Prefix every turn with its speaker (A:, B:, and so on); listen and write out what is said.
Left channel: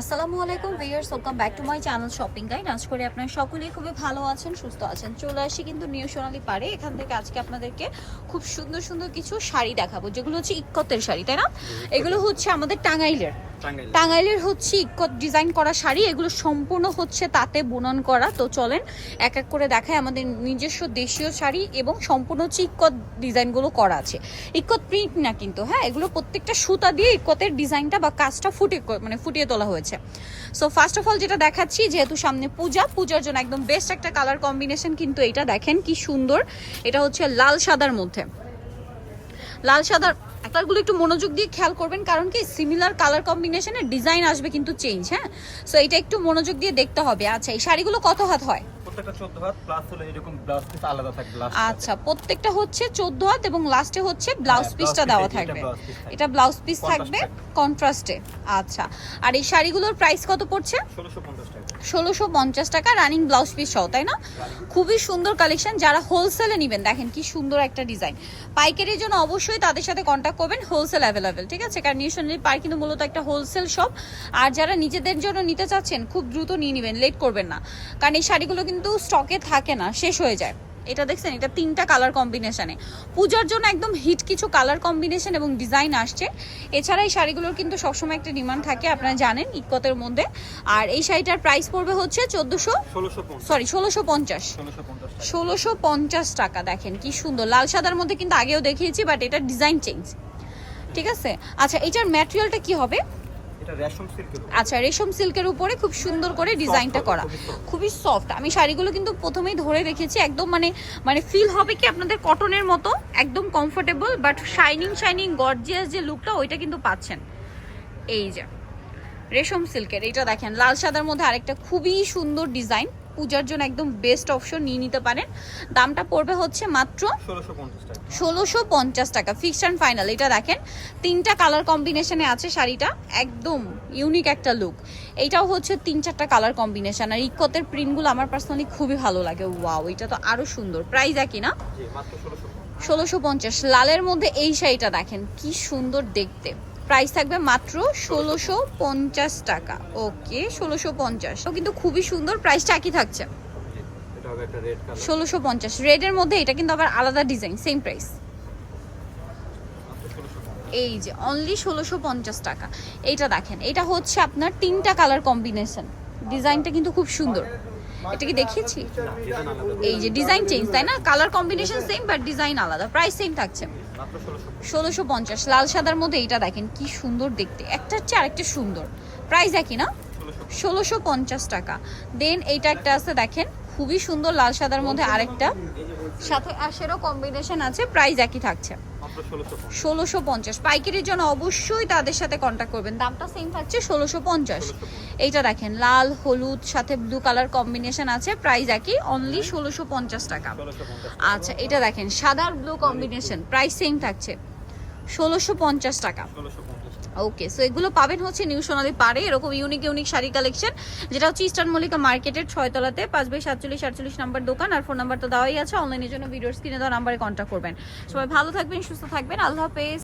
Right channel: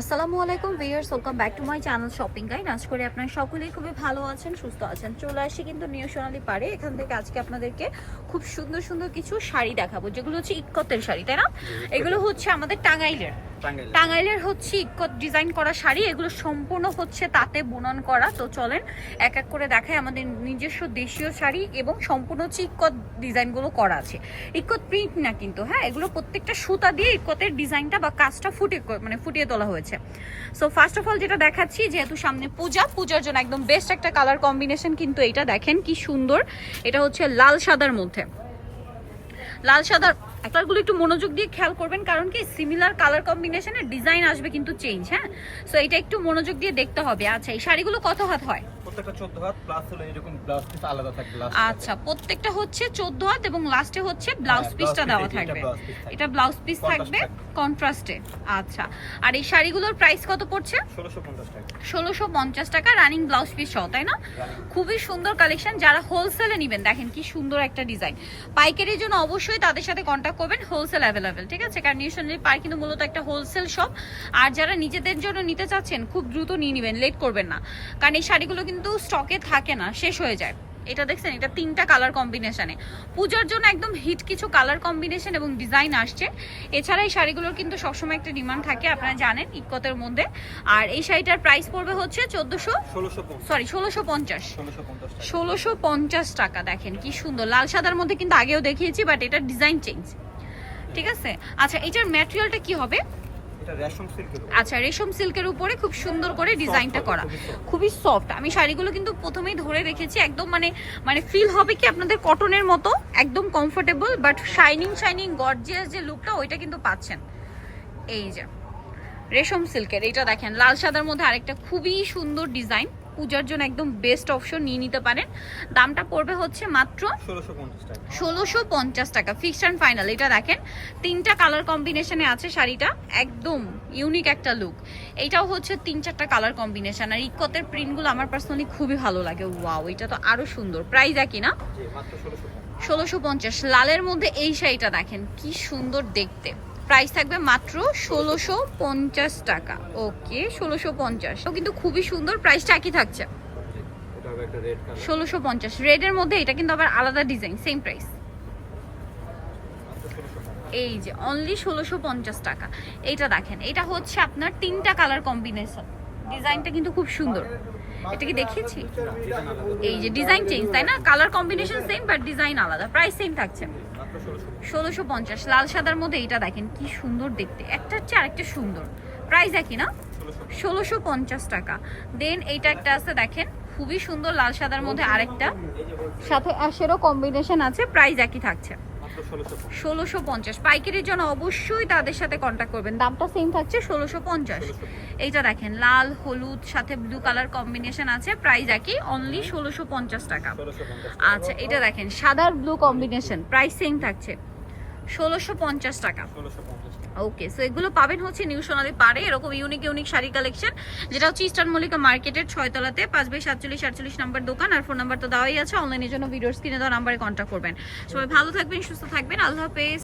A: আসসালামু আলাইকুম viewers welcome back to my channel shopping guide আজ করে আপনারা সকলেই খুবই ভালো আছেন সুস্থ আছেন। চলে আসি কিন্তু নিউ সোনালি পারে এখান থেকে আজকে আপনাদেরকে খুব সুন্দর সুন্দর কিছু শাড়ি দেখাবো যেগুলো হচ্ছে ইক্কতের শাড়ি তাই না? এগুলো হচ্ছে আমাদের টাঙ্গাইলের
B: টাঙ্গাইল
A: টাঙ্গাইলের। হচ্ছে ইক্কত ডিজাইন করা শাড়ি, এগুলো সম্পূর্ণ হচ্ছে তাতে বুনন করা। তো চলেন, এক এক করে দেখায় আমাদের নিজস্ব দেশীয় শাড়ি এবং সম্পূর্ণ হচ্ছে ইক্কত ডিজাইনগুলো করা আছে। ইক্কত প্রিন্ট না কিন্তু হ্যাঁ? এগুলো প্রত্যেকটা সুতা দিয়ে ইক্কতের ডিজাইনটা বা কাজটা ফুটে মানে ফুটিয়ে তোলা হয়েছে। সো ফার্স্ট অফ অল যেটা দেখাচ্ছি, যেহেতু সামনে পূজা, পূজার জন্য একদম বেস্ট একটা কালার কম্বিনেশন কিন্তু এটা দেখেন কি সুন্দর। এটা হচ্ছে লাল সাদার মধ্যে। লাল সাদার কালারগুলো একটু মনোযোগ দিয়ে খেয়াল করবেন কারণ কি সিমিলার কালার কম্বিনেশনের ডিজাইন আসবে কিন্তু চেঞ্জ হ্যাঁ? সো এটা একটু মনোযোগ দিয়ে দেখতে হবে। আচ্ছা এই শাড়িগুলো কত হাত হয়?
B: প্রত্যেকটা 14 হাত প্লাস হলো এরকম ব্লাউজ পিস আলাদা থাকবে
A: আচ্ছা প্রত্যেকটা হচ্ছে চোদ্দ হাত এবং লাস্টে হচ্ছে ব্লাউজ
B: হ্যাঁ,
A: পিসটা দেওয়া
B: এটা
A: থাকবে। ব্লাউজ পিস থাকবে। কন্ট্রাস্টে আচ্ছা আর এই শাড়িগুলোর প্রাইস কত পড়ছে?
B: 1650 টাকা।
A: রানিং ব্লাউজ পিস সহ তাই না? খুবই সুন্দর কালেকশন যারা হোলসেলে নেবেন দেখেন কি সুন্দর একটা ডিজাইন পাইকারির জন্য অবশ্যই তাদের সাথে করবেন হোলসেল অ্যাভেলেবেল ঠিক আছে? কারণ নিউশনারি পার্ক কিন্তু মূলত একটা হোলসেল শপ আর যারা নিজেদের জন্য নিতে চাচ্ছেন, খুব দ্রুত নিয়ে নেবেন লেট করবেন না। কারণ এই শাড়িগুলো কিন্তু স্টকে থাকে না, শেষ হয়ে যায়। এটা দেখছেন? এটা তিনটা কালার কম্বিনেশনে পূজার জন্য একদম হিট কিছু কালার কম্বিনেশন এবং ডিজাইন আসছে। এছাড়া এই শাড়িগুলোর কিন্তু সবসময় একটা ডিমান্ড থাকে আপনারা জানেন ইকতের মধ্যে। আর এই শাড়িটার প্রাইস পড়বে হচ্ছে চোদ্দোশো
B: 1650
A: সরি ষোলোশো পঞ্চাশ। ষোলোশো পঞ্চাশ টাকা। দেখেন কি সুন্দর। লাল সাদার মধ্যে কিন্তু আগেও দেখিয়েছি বাট এটা ডিজাইন চেঞ্জ ঠিক আছে? আচ্ছা এটার ম্যাটেরিয়ালটা কি হবে?
B: এটা রেশম সিল্কের
A: আচ্ছা রেশম সিল্কের উপরে খুব সুন্দর করে ডিজাইনটা করা।
B: খুবই
A: সফট আমি শাড়িগুলো কিন্তু প্রথমেই ধরে রেখেছি একদম মানে মানে ফিল হবে কি আপনাদের কটনের মতো একদম comfortable but shining shining gorgeous যে লুকটা ওইটা কিন্তু পাচ্ছেন। এই যে রেশম সিল্কের এইটা দেখেন লাল সাদার মধ্যে আরেকটা খুবই সুন্দর ডিজাইন। পূজার জন্য একদম বেস্ট অপশন নিয়ে নিতে পারেন। দামটা পড়বে হচ্ছে মাত্র ষোলোশো পঞ্চাশ টাকা। ফিক্স অ্যান্ড ফাইনাল এটা দেখেন। তিনটা কালার কম্বিনেশনে আছে শাড়িটা। একদম ইউনিক একটা লুক এইটাও হচ্ছে তিন চারটা কালার কম্বিনেশন আর ইকোতের প্রিন্টগুলো আমার পার্সোনালি খুবই ভালো লাগে। ওয়াও এটা তো আরও সুন্দর। প্রাইস একই না?
B: জি মাত্র 1650
A: ষোলোশো পঞ্চাশ। লালের মধ্যে এই শাড়িটা দেখেন কি সুন্দর দেখতে। প্রাইস থাকবে মাত্র ষোলোশো পঞ্চাশ টাকা। ওকে ষোলোশো পঞ্চাশ। কিন্তু খুবই সুন্দর প্রাইসটা একই থাকছে। ষোলোশো পঞ্চাশ। রেডের মধ্যে এটা কিন্তু আবার আলাদা ডিজাইন সেম প্রাইস এই যে অনলি ষোলোশো পঞ্চাশ টাকা। এইটা দেখেন এটা হচ্ছে আপনার তিনটা কালার কম্বিনেশন ডিজাইনটা কিন্তু খুব সুন্দর। এটা কি দেখিয়েছি? এই যে ডিজাইন চেঞ্জ তাই না? Colour combination same but design আলাদা। প্রাইস সেম থাকছে। ষোলোশো পঞ্চাশ। লাল সাদার মধ্যে এইটা দেখেন কি সুন্দর দেখতে। একটা হচ্ছে আরেকটা সুন্দর। প্রাইস একই না? ষোলোশো পঞ্চাশ। টাকা। দেন এইটা একটা আছে দেখেন খুবই সুন্দর লাল সাদার মধ্যে আরেকটা। সাথে অ্যাশেরও কম্বিনেশন আছে প্রাইস একই থাকছে। ষোলোশো পঞ্চাশ। পাইকারির জন্য অবশ্যই তাদের সাথে কন্ট্যাক্ট করবেন। দামটা সেম থাকছে ষোলোশো পঞ্চাশ। এইটা দেখেন লাল হলুদ সাথে ব্লু কালার কম্বিনেশন আছে প্রাইস একই অনলি ষোলোশো পঞ্চাশ টাকা। আচ্ছা এটা দেখেন সাদার ব্লু কম্বিনেশন প্রাইস সেম থাকছে। ষোলোশো পঞ্চাশ টাকা।
B: 1650
A: ওকে সো এগুলো পাবেন হচ্ছে নিউ সোনালি পারে এরকম ইউনিক ইউনিক শাড়ি কালেকশন যেটা হচ্ছে ইস্টার্ন মল্লিকা মার্কেটের ছয়তলাতে পাঁচ বাই সাতচল্লিশ সাতচল্লিশ নাম্বার দোকান আর ফোন নাম্বার তো দেওয়াই আছে অনলাইনের জন্য ভিডিওর স্ক্রিনে দেওয়া নাম্বারে কন্ট্যাক্ট করবেন। সবাই ভালো থাকবেন সুস্থ থাকবেন আল্লাহ হাফেজ।